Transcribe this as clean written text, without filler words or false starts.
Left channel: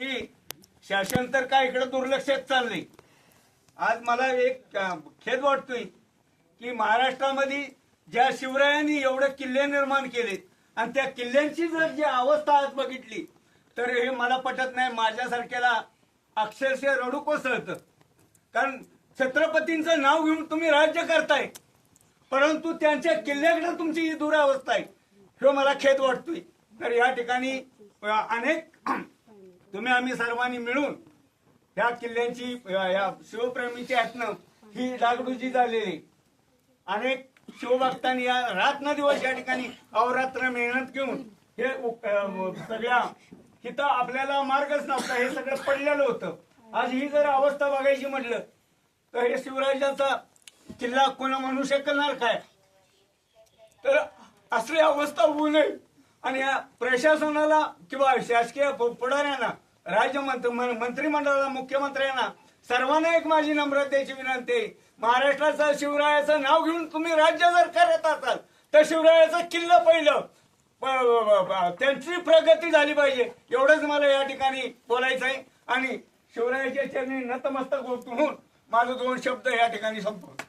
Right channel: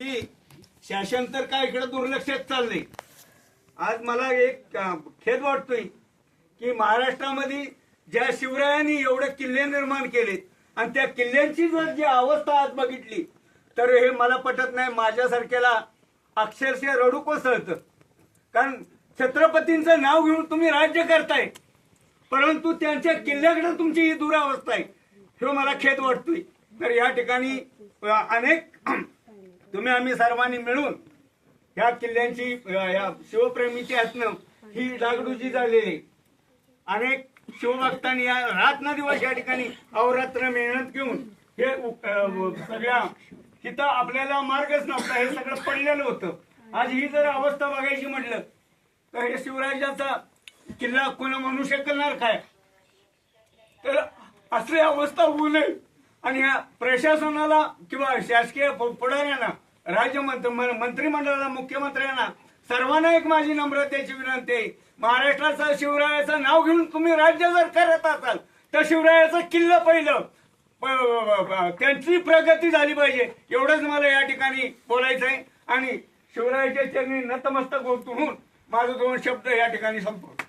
की शासन तर काय इकडे दुर्लक्षित चाललंय। आज मला एक खेद वाटतोय की महाराष्ट्रामध्ये ज्या शिवरायांनी एवढे किल्ले निर्माण केलेत आणि त्या किल्ल्यांची जर जी अवस्था आज बघितली तर हे मला पटत नाही। माझ्यासारख्याला अक्षरशः रडू कोसळतं। कारण छत्रपतींचं नाव घेऊन तुम्ही राज्य करताय परंतु त्यांच्या किल्ल्याकडे तुमची ही दुरावस्था आहे, हे मला खेद वाटतोय। तर या ठिकाणी अनेक तुम्ही आम्ही सर्वांनी मिळून या किल्ल्यांची या शिवप्रेमीची हातनं ही डागडुजी झालेली। अनेक शिवभक्तांनी या रात्रंदिवस या ठिकाणी अहोरात्र मेहनत घेऊन हे सगळ्या तिथं आपल्याला मार्गच नव्हता, हे सगळं पडलेलं होतं। आज ही जर अवस्था बघायची म्हटलं तर हे शिवराजाचा किल्ला कोणा म्हणू शकणार काय? तर असली अवस्था होऊ नये आणि या प्रशासनाला किंवा शासकीय पुढाऱ्यांना मंत्रिमंडळाला मुख्यमंत्र्यांना सर्वांना एक माझी नम्रतेची विनंती आहे। महाराष्ट्राचा शिवरायाचं नाव घेऊन तुम्ही राज्य जर करत असाल तर शिवरायाचं किल्ला पहिलं त्यांची प्रगती झाली पाहिजे, एवढंच मला या ठिकाणी बोलायचं आहे। आणि शिवरायाच्या चरणी नतमस्तक होऊन माझं दोन शब्द या ठिकाणी संपवतो।